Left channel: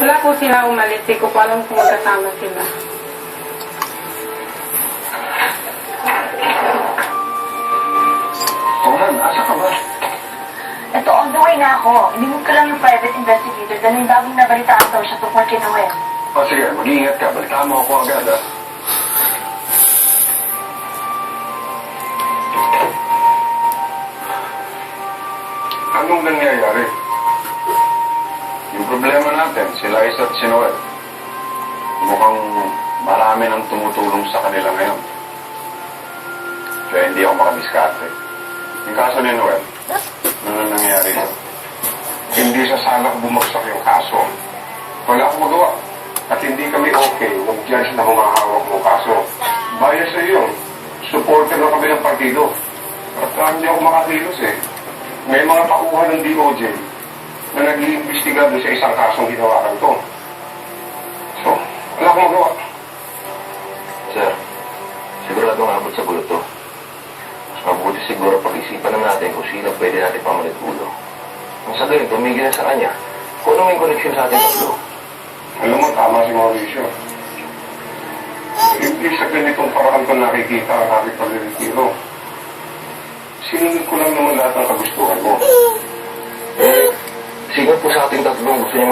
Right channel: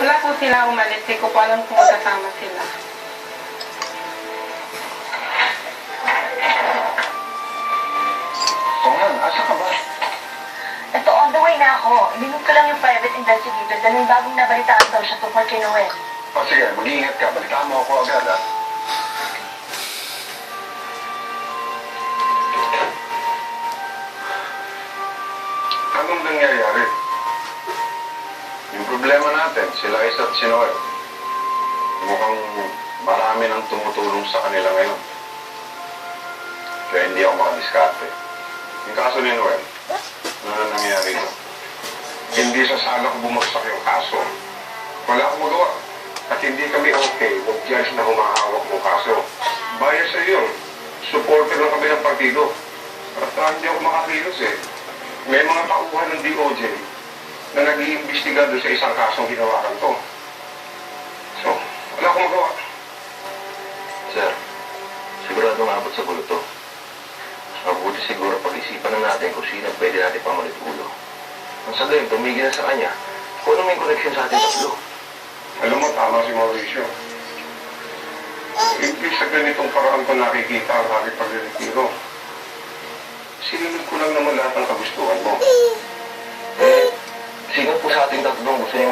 Wala po sila umalis. Di ko po alam kung magkasama sila. Oo man, asa ka ba? Ito, on the way na ako. Inimod ko lang yung private investigator dahil may bagong nabalitaan daw siya tungkol kay Noel. O sige, mag-iingat ka. Balitaan mo ako agad, ha? Anong nangyayari? Yung problema natin, sila Isa at si Noel. Mukhang marami nang tumutulong sa kanila ngayon. Kaya hindi ako makadiskarte. Yung kaso ni Noel, ano nangyayari na? Hindi sa sana bumagsak yung kaso. Wala akong magawa. At hindi kami okay, huwag judge na humahawak ng kaso. Bayan sa iyo, supporter lang kami ng partido. At hindi ako makakilos eh. May mga tauhan ng DOJ na nag-iimbestiga doon sa isang kasong ginawakan to. So, wala akong magawa. Sir, sigurado nga abot sa gulo to. Mas mabuti siguro pag-isipan na natin kung sino pwede natin pamulit ulo. Ang sa gayon, tumigil na sa kanya. Kung ano may koneksyon sa ating tatlo. Alam mo, tama si Mauricio. Hindi sa ganitong paraan ko nakikita ang aking pag-retiro. Sinunod ko lang naman lahat ng kagustuhan mo. Sino po sa ating tatlong gusto niya